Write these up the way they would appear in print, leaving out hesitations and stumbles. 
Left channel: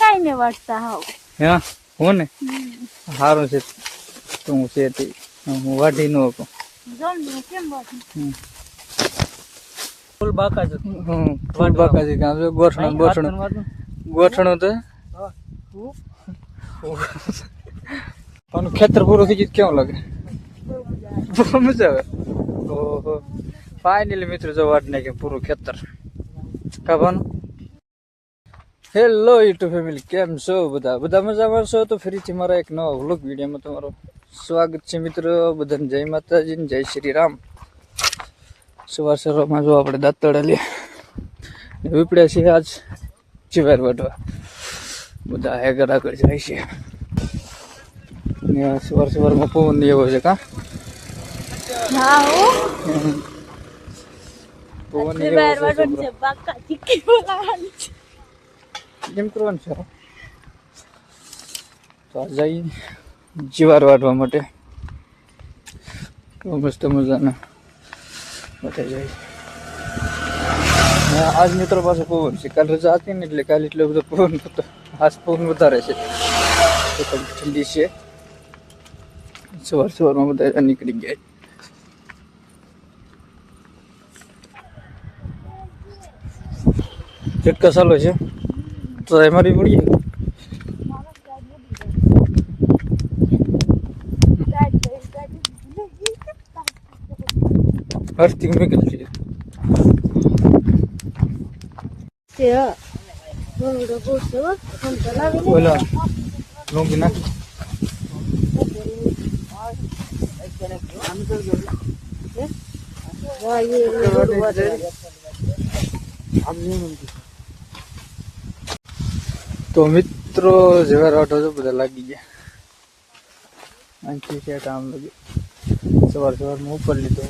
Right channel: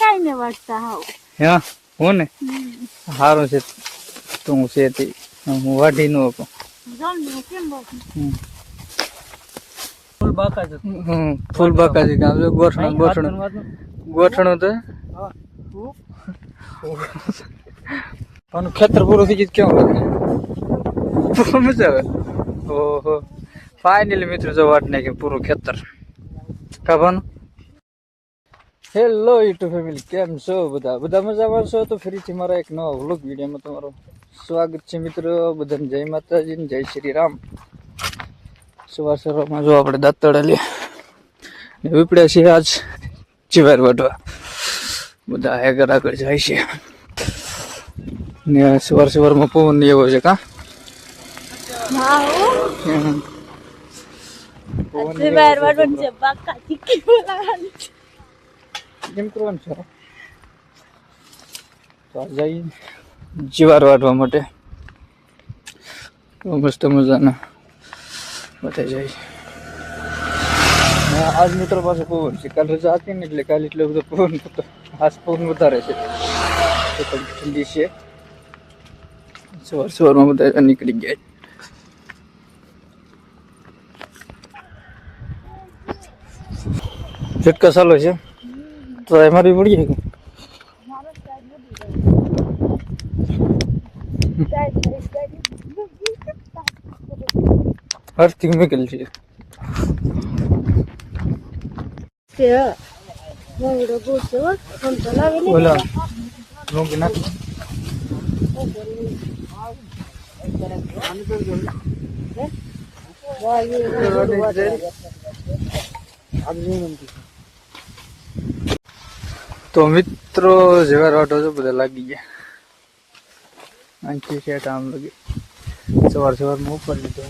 કાઈ ને વાટતા હાવ હા હું ને સારું છે તું છે તે હું વાઢી ન શકું જલ્દી કેમ વાટું ફૂલ બાકા છે ફૂલ બાકા છે કામ ગોઠણું ગોઠણું તો પણ ખેતર પૂરું થઈ ગયું કેવું લાગે મજા આવે ઓહો ફાઇનલી મિત્રો જો વાટ નાખી પૂરું ખેતર કાભાનું હેલો યુટ્યુબ ફેમિલી કેમ છો બધા મજામાં છો તો ફરીથી મારા એક નવા વ્લોગ વિડીયોમાં તમારું સ્વાગત છે મિત્રો બધાને જય માતાજી જય શ્રી રામ સવારમાં જો આપણે દાંતડા લે વિપડ્યા છીએ આજ ચીવાર વાટવા બધા આગળ આગળ જાય છે ને સવારમાં પવન ને એવો છે કા હા હો પવન ચીવાર વાટવાનું છે બાકા ચીકી બોલાવાનું છે કેમ કરવાનું છે તો જઈ ચીવાર વાટવા માટે મસ્ત મજાના બધા જાય આજ મિત્રો પાસે પવન છે કાલે રજા હતી ને એટલે કાલે એટલો બધો પવન હતો આજ પવન વધારે છે તો ઠંડી છે સવારમાં બધા નીકળી ગયા ઝટકા ચાલો છે તો અમારી પડીએ હરતી નીકળી છે બોલા રોંગ નાખી તો મિત્રો જેવા રાટો તો બધા લાગી ગયા અહીંથી ક્યાં કામ લાગે સવારમાં ઉપર લીધો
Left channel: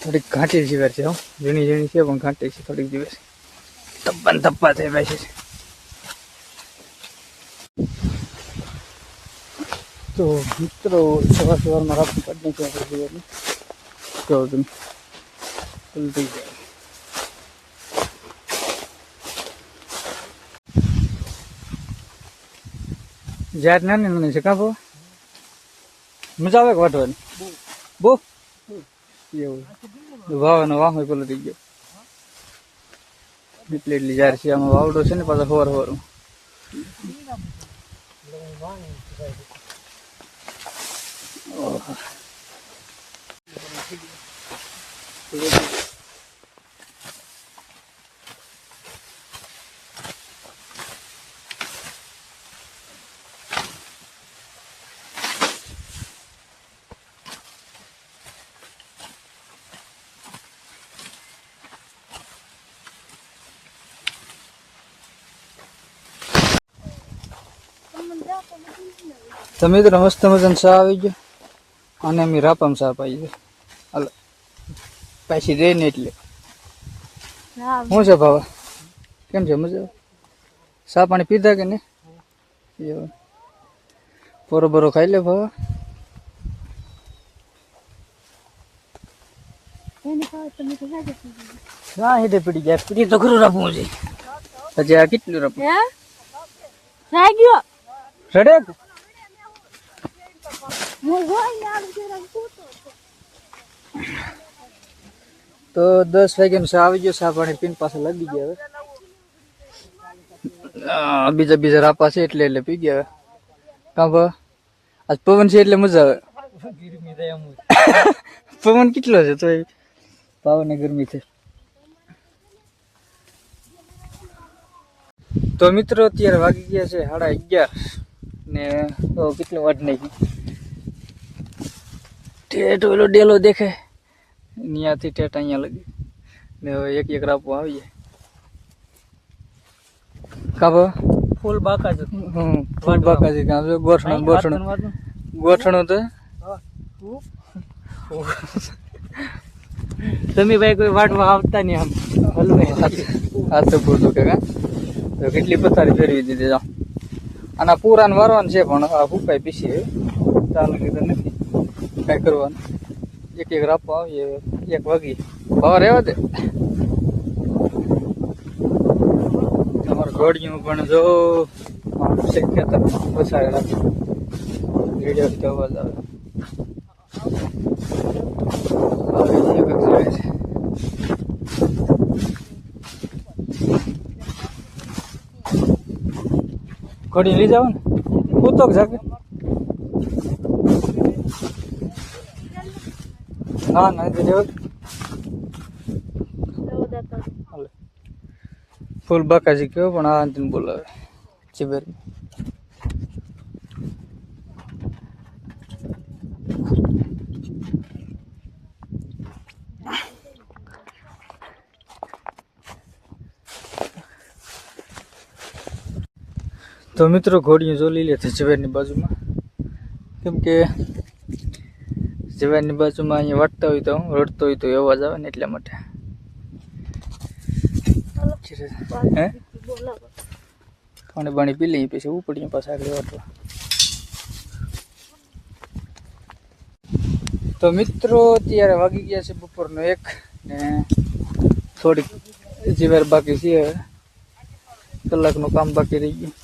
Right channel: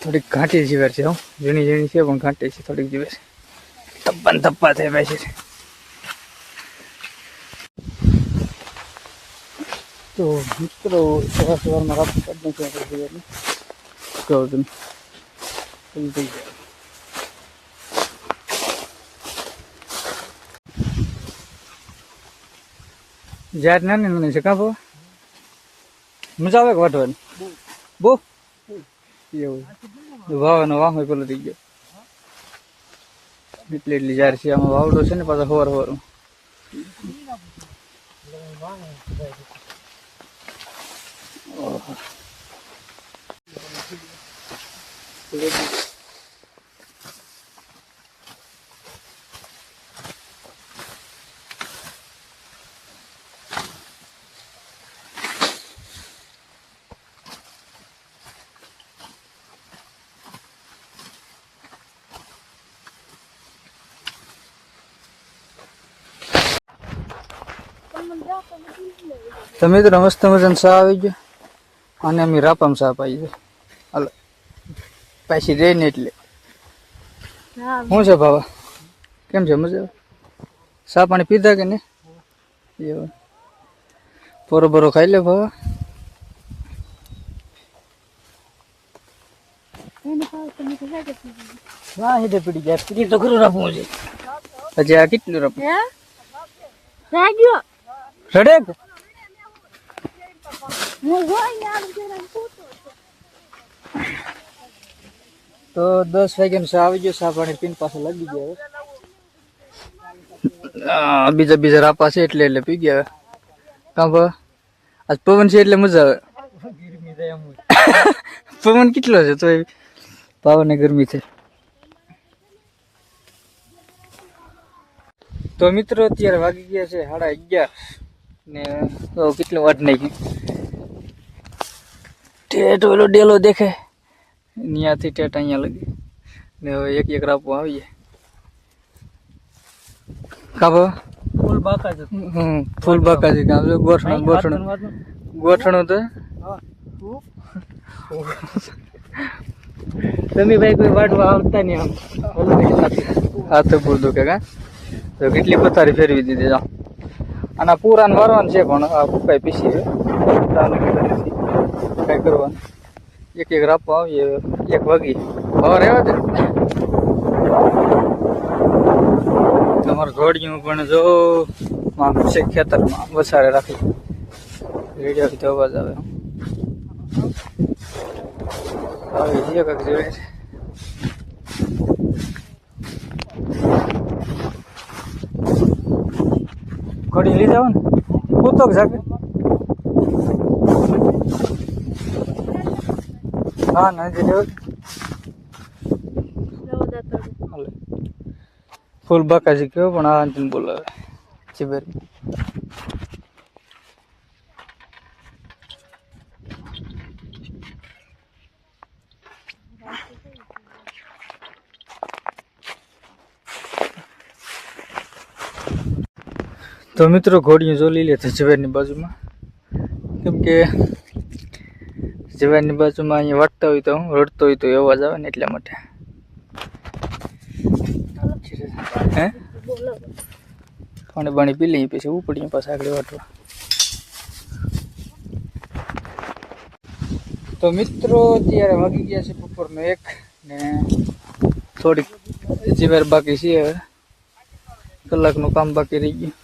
થોડીક ઘાટી જીવાર છે ઝીણી ઝીણી છે પણ ઘાટી છે થોડીક જીવાર ધપ્પા ધપ્પા થઈ ભાઈ છે તો મિત્રો સવારમાં રાપતું કાઢી નાખ્યું આપણે કહો તમે થઈ જાય ઝાડ નાની નાની છે કાં બહુ મજા આવે કે વાટવાની બહુ એવું વાવાનો વાહ પેલો થઈ ગયો એટલી ઝાડ છે આમાં વાવડો છે ને પાછા સવારમાં તમે તો મસ્ત મજાનો ચા આવી ગયો અને અમે રાપામાં ચા પાઈ ગયો હાલો પાછી જઈને એટલે શું છે ભાવા કેમ છે મજા ચા પાણી પીધા કે નહીં એવું પોરો બોરો ખાઈ લે ભાવા હા હેઠે પડી ગયા પીડી તો ખરું રાખવું છે હજી આ કેટલું રાખવું રડે તો 10 વાગ્યાનું ચા આવી ગયો ચા પાણી પીને પાછા લાગી ગયા હવે બીજા રાપા છે એટલે પી ગયા કાં ભા આજ પવન છે એટલે મજા આવે પવન કેટલો છે તો પવન ગરમી છે તો મિત્રો અત્યારે વાગી ગયા છે 11:30 ને તો કેટલો વાટ નાખી ટેટ ઓલો ડેલો દેખાય ત્યાંથી ટેટ અહીંયા લગી ને હવે એક રાપો આવી જાય કાબો ફૂલ બાકા છે ફૂલ બાકા છે કામ ગોઠણું તો તમે ભાઈ કોઈ વાટવા આવતા નહીં આમ હાથ તો પૂર દુખે કા તો કેટલી પથારી ફેરવી દીધી જાઓ અને પૂરાને વારવાનું છે પણ આ ફૂકાઈ પીસી કઈ કરવાનું એક રાપો આવીએ 1 વાગી ભાવ રહેવા દે. તમારું ઘોડિયું પણ જો આમ છે ખેતરમાં વસાડે રાખે રેડિયોથી અવાજ આવે આવી છે કાંઈક જેવી છે. ઘોડી લઈ જાવ ને કૂતો જાગે. ના ના જે દેવ હાલે ફૂલ બાકાજી કયો પણ આ અંતિમ બોલાવે ચીબેર. તો મિત્રો ઘોડીયું જો લઈ લે છે ઝવેરની બાજુમાં, કેમ કે ઝવેરની બાજુમાં અહીંયા વાટતા હોય તો રડતો હોય તો અવાજ આવે ને એટલા માટે. હે પાણી બાણી પી લઈએ પછી ઉપડીએ પાછા આગળ વાટવા. તો મિત્રો અત્યારે વાગી ગયા છે બપોરનો 1 ને થોડીક જીવાર બાકી છે, હવે કલાકનું કામ બાકી રહી ગયું.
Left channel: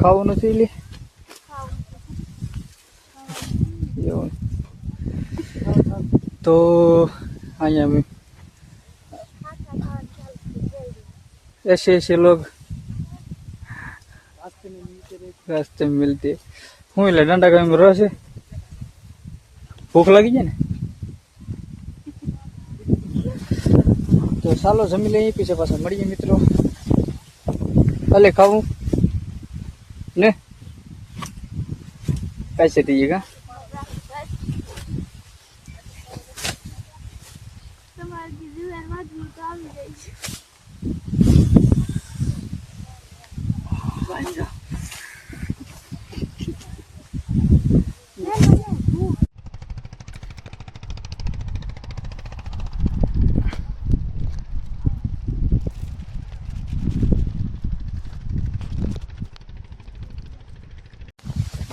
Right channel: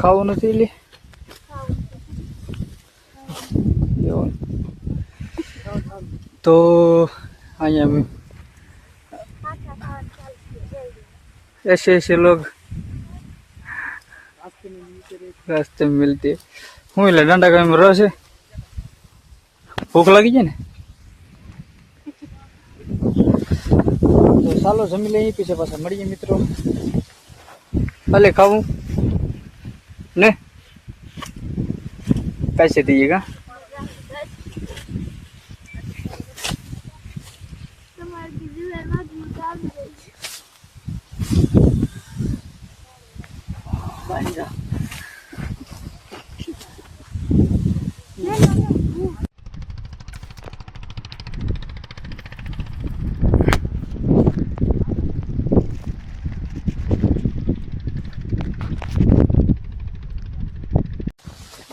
ખાવું નથી લે એવું તો અહીંયા ऐसे लोग रास्ते में मिलते હું એટલે દાંડા કામ રસ છે, ભૂખ લાગી જાય ને તો ચાલો જમી લઈએ પછી પાછા મળીએ મિત્રો. ભલે ખાવું ને पैसे दीजिएगा.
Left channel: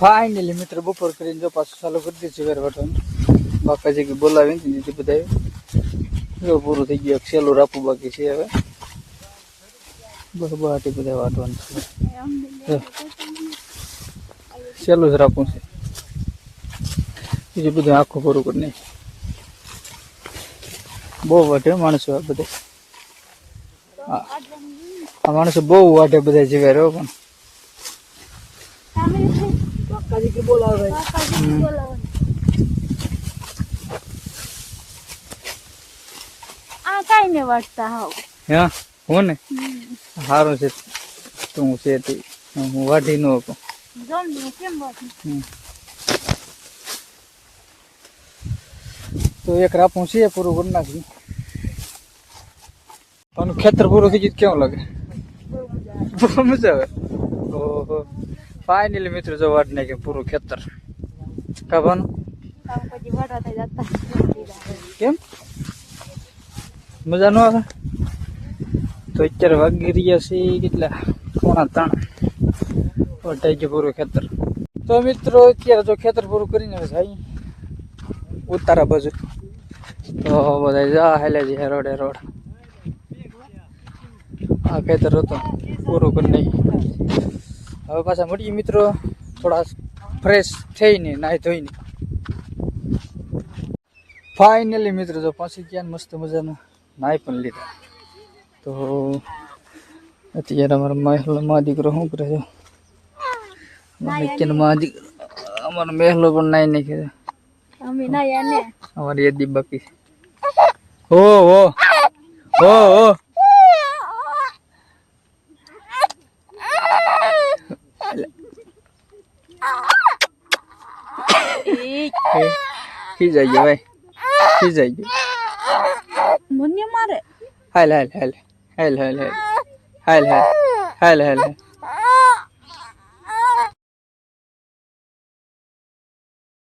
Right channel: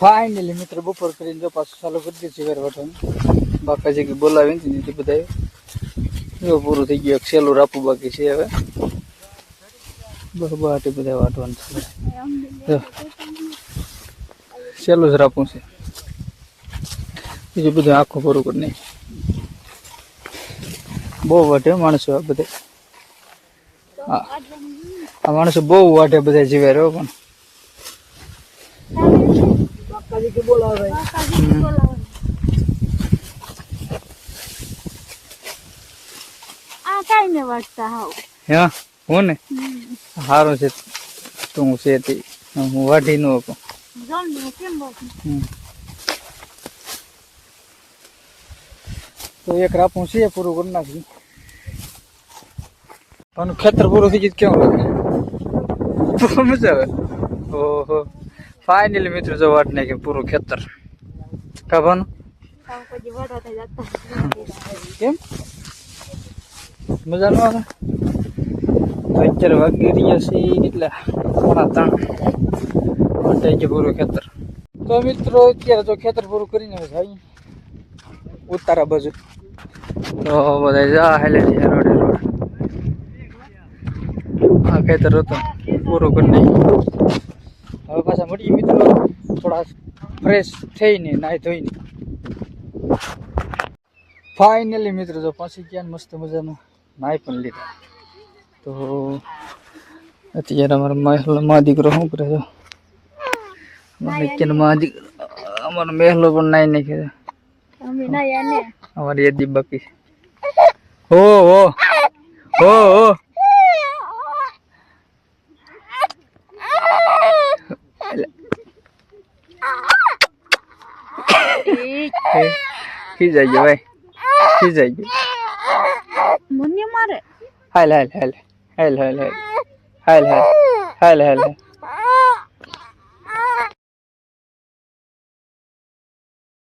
फाइनली मित्र बपोर કરીને જો પાછું ચાલુ કરી દીધું વેર વાટવાનું. બાકાજી કે બોલાવીને દીધી બધા જો પૂરું થઈ ગયું. છેલ્લું રાપું બાકી છે, હવે બહાટી બધા વાટવાનું છે. છેલ્લું જ રાપું છે, બીજું બધું આખું પૂરું કરી નાખી. બહુ વાટે માણસો આ બધા. આ માણસો બહુ વાટે બધા જીવે રહ્યો પણ હા હું ને સારું છે તો હું છે તે હું વાઢી ન શકું. તો 1 રાપું છે પૂરું કરી નાખ્યું. આનું ખેતર પૂરું થઈ ગયું કેવું લાગે? બહુ મજા આવે. ઓહો ફાઇનલી મિત્રો જો વાટ નાખી પૂરું ખેતર કાપવાનું. કેમ મજા ન આવે? તો અત્યારે વાગી રહ્યા છે એટલે 2:45 વટાઈ ગયું પૂરું ખેતર. તો મિત્રો અત્યારે જો ખેતર પૂરું કરીને જાય ઉતારા બાજુ તો બધા જા હેલે છે રોડે રોડ. આ ખેતર હતું પૂરું કરી નાખ્યું. હવે પાછા મળીએ મિત્રો થોડા ફ્રેશ થઈને નાહી ધોઈને. ફાઇનલી મિત્રો જો પાછી ગયા મસ્ત મજાનું નાહી પણ લીધા. તો અત્યારે અમારા મા દીકરો શું કરે છે? અમારો મહેલો પણ નાહી નાખ્યો. અમારી યાદી બાકી છે. હો હો હો હો ખીજાઈ ગયો ભાઈ, ખીજાઈ ગયો. મને મારે હાલ હાલ હાલ હાલ હાલ હાલ હાલ હાલ હાલ હાલ